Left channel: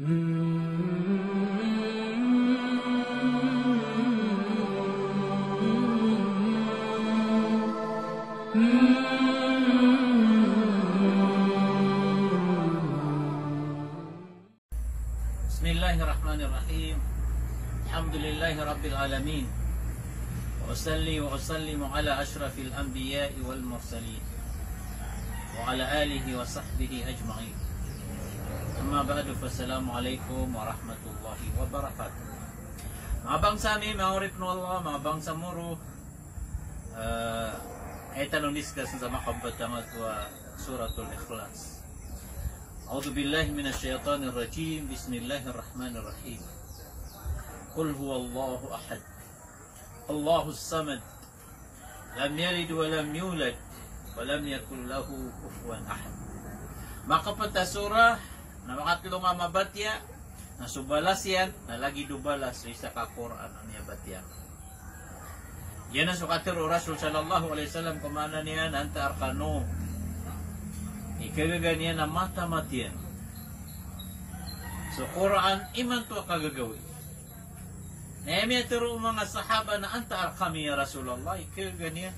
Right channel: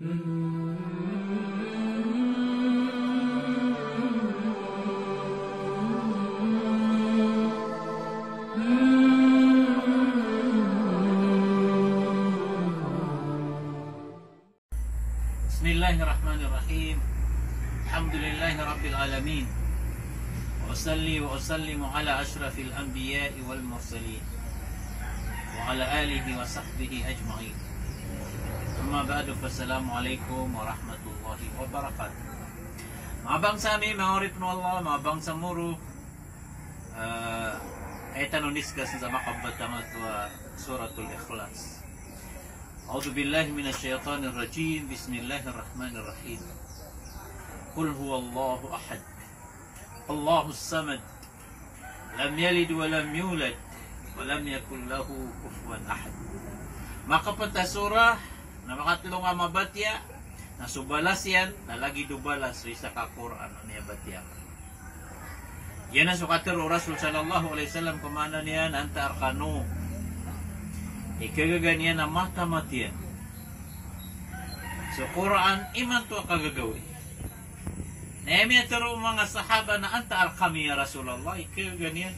Bismillahirrahmanirrahim. Alhamdulillahirabbil alamin. Wa usalli wa usallimu ala asyrafil anbiya'i wal mursalin wa ala alihi wa sahbihi ajma'in. Amma ba'du, fassalamu alaikum warahmatullahi wabarakatuh. Mga bangsa mi, mga urip na Allah, mga bangsa muru, ay tanong discuss sa makabatamat wa suratul ikhlas. A'udzu billahi minasyaitonir rajim. Bismillahirrahmanirrahim. Qul huwallahu ahad. Allahus samad. Lam yalid wa lam yulad wa lam yakul lahu kufuwan ahad. Makapata surah na makatlong nga mabatya na subalas yan na lagi dubalas sa ka-Quran niya batya. Yan ang sukatir Rasul sallallahu alaihi wasallam kumana niya anta arkanu. Ikagaganyan na mata-matiyan. So, Quran, iman to kagagawi. Nehemiah taro mga sahaba na anta al-kami ya Rasulullah. Ikagaganyan.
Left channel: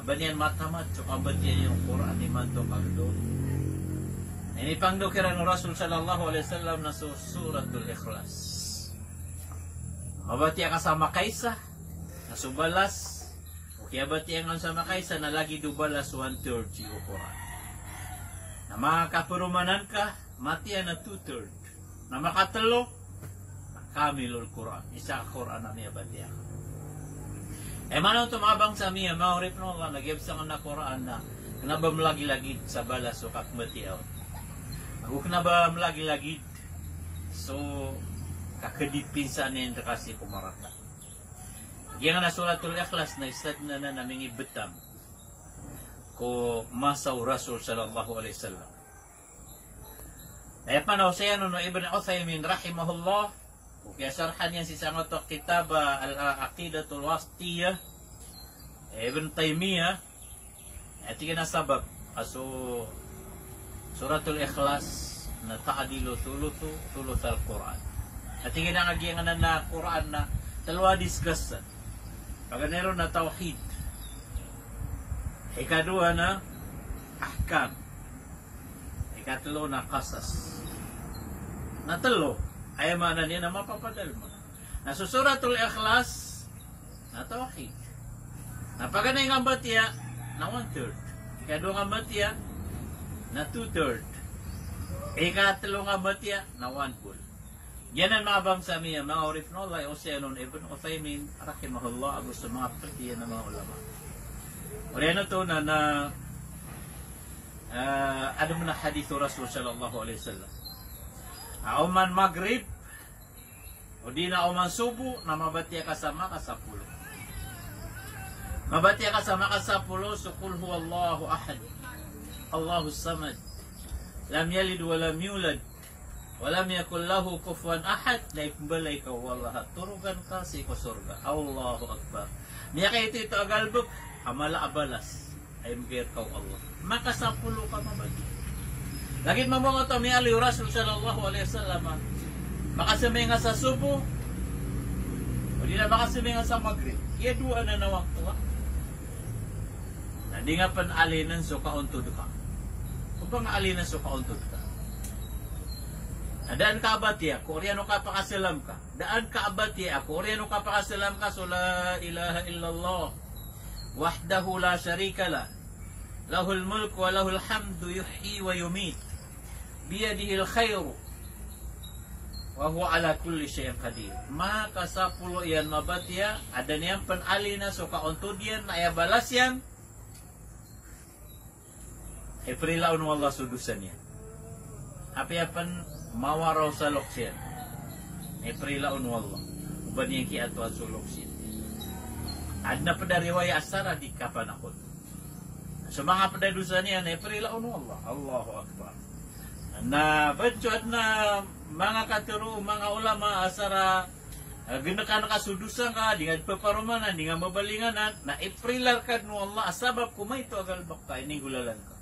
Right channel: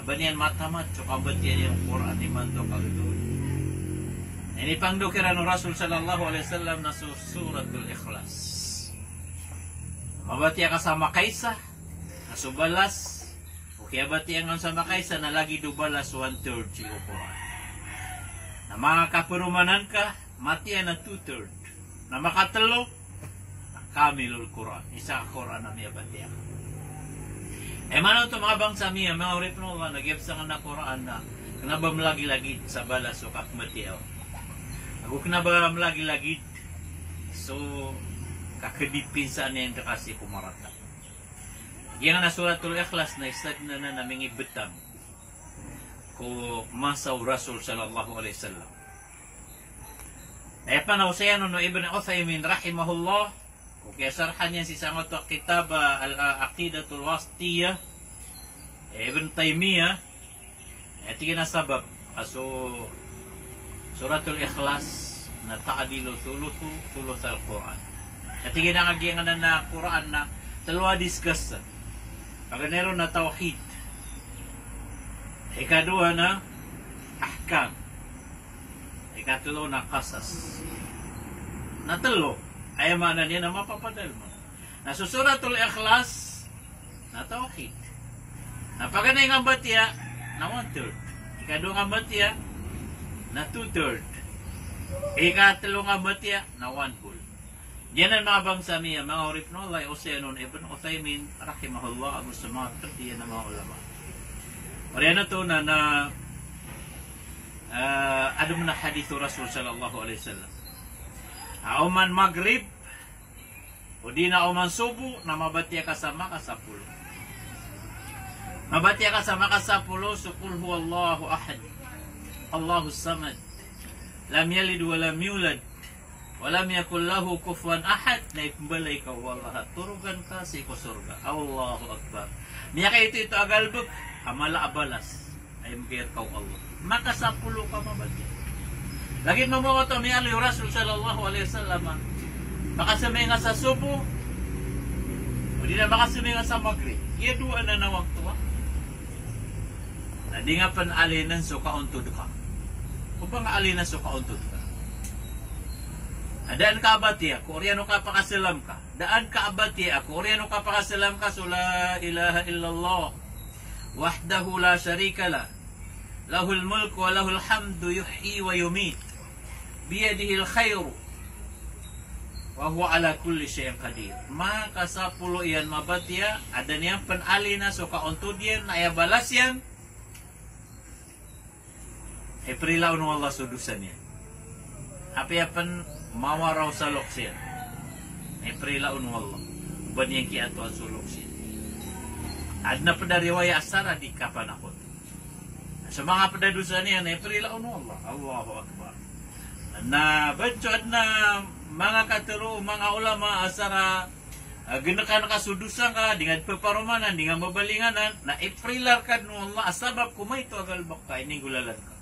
Abaniyan mata-mat. So, kabatiyan yung Quran, iman to kagagawi. Ini pangdukiran ng Rasul sallallahu alaihi wasallam na suratul ikhlas. Mabatiya kasama kaisa, na subalas, o kaya batiyan kasama kaisa na lagi dubalas 1/3 yung Quran. Na mga kapurumanan ka, mati ay na 2/3. Na makatalo, kamilul Quran. Isa Quran na miya batiya. Manon ito mga bangsa miya, mga urip no nga, nag-ibsa na Quran na kanabam lagi-lagid sa balas o kakmatiyaw. Ako kanabam lagi-lagid, so kakadipinsa niya yung kakasi kumarata. Yang na suratul ikhlas na isad na naming ibutang ko masaw Rasul sallallahu alaihi wasallam. Panaw siya no Ibn Uthaymin rahimahullah, o kaya sarhan niya si sangot kitab al-aqidatul wasitiyah Ibn Taymiyah, ito na sabab aso suratul ikhlas na ta'adilu thuluth al-Quran. Ito na ngagiyan na Quran na talwa discuss paganero na tawhid. Ikaduha na ahkam. Ikatlo na qasas. Natlo ay mana niya na mapapadal mo. Na suratul ikhlas na tawhid. Napaganay nga batya na 1/3. Ikaduha nga batya na 2/3. Ikatlo nga batya na 1/2. Yan ang mga bangsa niya, mga urip no Allah Oseanon Ibn Uthaymin rahimahullah ang sumat partiyan ng mga ulama. Oraya na to na ada mana hadis Rasul sallallahu alaihi wasallam. Auman maghrib o di na auman subuh na mabatiya kasama ka 10. Mabatiya kasama ka 10 sukul huwallahu ahad. Allahus samad. Lam yalid wa lam yulad wa lam yakul lahu kufuwan ahad. Na ipambalay ka wallaha turugan ka sa surga. Allahu akbar. Niya kay ito agalbuk amala abalas ay magir kaw Allah. Makasapulo ka mabagi. Lagi mo mo ito may aliw Rasul sallallahu alaihi wasallam. Makasamay nga sa subo. O di na makasamay nga sa maghrib. Iya dua na nawag tuwa. Na di nga panalinan so kauntod ka. Kung bang alinan so kauntod ka. Daan ka abatiya, kung oriano ka pakasalam ka. Daan ka abatiya, kung oriano ka pakasalam ka, so la ilaha illallah. Wahdahu la syarika la. Lahul mulk wa lahul hamdu yuhyi wa yumit. Biyadihil khairu. Wa huwa ala kulli syai'in qadir. Maka 10 yan mabatiya, ada niyang panali na so kauntod yan, na ayabalas yan. Ay prilaon wallah sudusan yan. Apiapan mawaraw sa loksin. Ay prilaon wallah. Uban yung kiato at suloksin. Adna pada riwayat asara di kapan ako. Sa mga padadusan niya na iprilaon Allah. Allahu Akbar. Na badyo adna mga katuro, mga ulama asara ginakan kasudusan ka dengan peparumanan dengan mabalinganan na iprilar kad no Allah asabab kumay to agal bakta ini gulalan ka.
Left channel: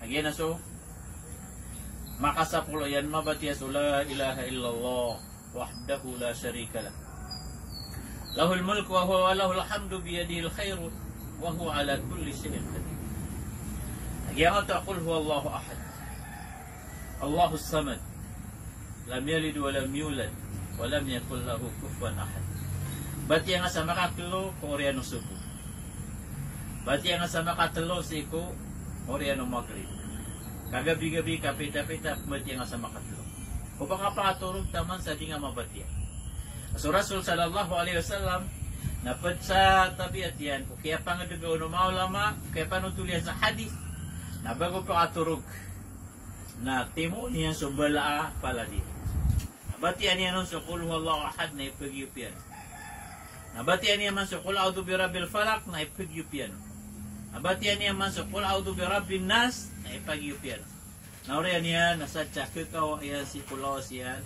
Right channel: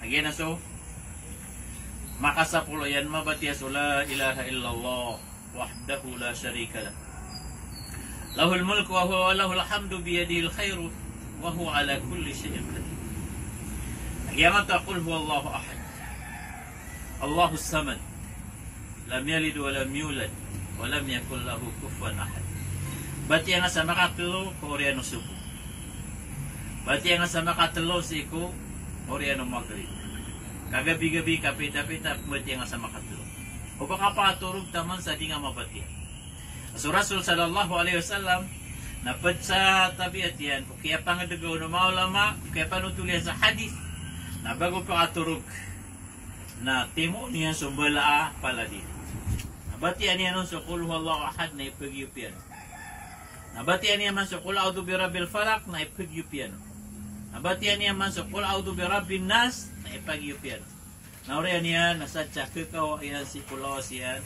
Again so Maka sa pulo yan mabatiya la ilaha illallah wahdahu la syarika lah. Lahul mulku wa huwa lahul hamdu biyadihil khairu wa huwa ala kulli syai'in qadir. Yang taqul huwallahu ahad. Allahus samad. Lam yalid wa lam yulad wa lam yakul lahu kufuwan ahad. Bati yang sa makatlo Koreano subu. Bati yang sa makatlo siko Koreano maghrib. Kagabi-gabi kapita-pita bati yang sa makatlo. Upang kapaturog taman sa di nga mabati. So Rasul sallallahu alaihi wasallam napad sa tabiat yan kaya pangadugaw ng mga ulama kaya panutulian sa hadith na bago pa katurog na timo niya sumbalaa pala din. Nabatian niya nun sa kul huwallahu ahad na ipagyupian. Nabatian niya man sa kul a'udhu birabbil falak na ipagyupian. Nabatian niya man sa kul a'udhu birabbin nas na ipagyupian. Nauriyan niya nasa tsakikaw yan si kulawas yan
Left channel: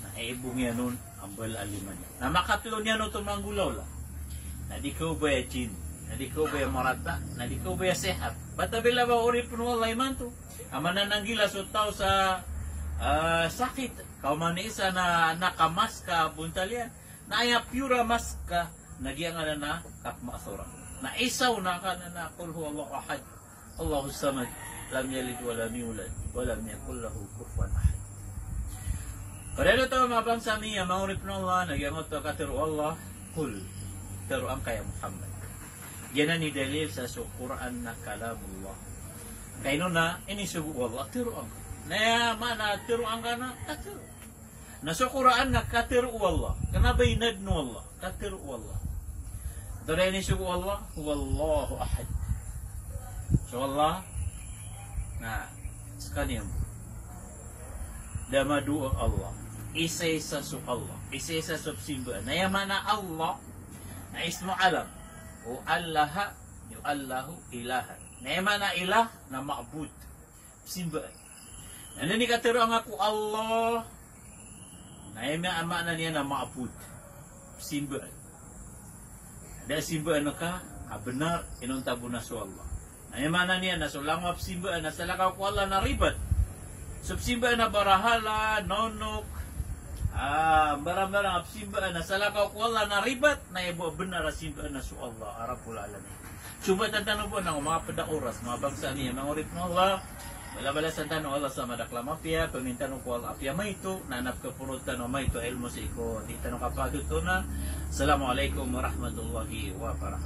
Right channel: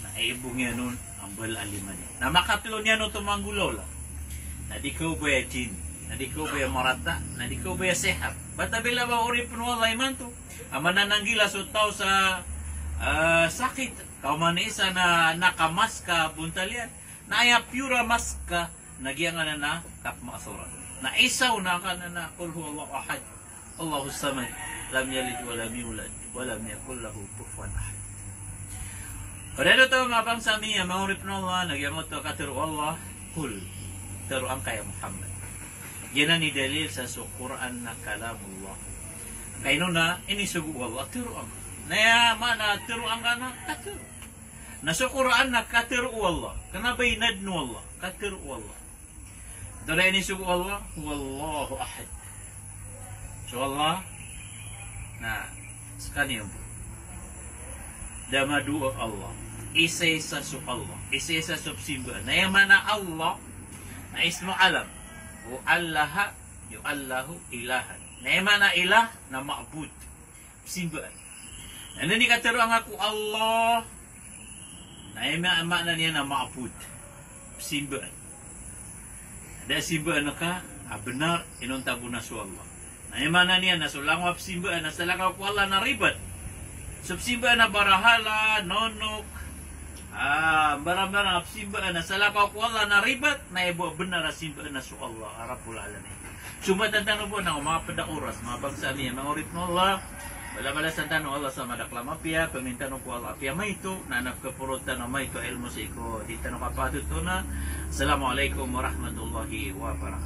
na ibong yan nun ang balaliman niya. Na makatlo niya nun tumanggulaw lang. Na di ko ba jin, na di ko ba marata, na di ko ba sehat. Bata bila ba uri puno Allah iman to? Ang manananggila so tao sa sakit. Kau man isa na nakamaska buntalian. Na aya pura maska nagyang na kapmasura. Na isaw na ka na kul huwallahu ahad. Allahus samad. Lam yalid wa lam yulad wa lam yakul lahu kufuwan ahad. Pada tahu ngapang sami yang mau ripno Allah nagyang to kataru Allah kul taru ang kaya Muhammad. Yan ni dalil sa Quran na kalamullah. Kaino na ini sugu Allah taru ang. Naya mana taru ang kana kataru. Na sa Quran na kataru Allah. Kana bainad no Allah kataru Allah. Dara ini sugu Allah huwallahu ahad. So Allah na sekalian damadu Allah isa-isa su Allah isa-isa subsimba na yung mana Allah na ismu alam o Allah yung Allahu ilahan na yung mana ilah na ma'bud simba na ni katero ang ako Allah na yung mana niya na ma'bud simba da simba na ka benar inuntago na su Allah na yung mana niya na sulangwap simba na salakaw ko Allah na ribat subsimba na barahala nonok barang-barang simba na salakaw ko Allah na ribat na ibo benar simba na su Allah Rabbul Alamin. Cuma tentang po ng mga padaoras mga bangsa niya mga urit mo Allah bala-bala sa tanong Allah sa madaklama piya pamintanong ko Allah piya may ito na nagkapurutan na may ito ilmo sa iko di tanong kapatid to na Assalamualaikum warahmatullahi wabarakatuh.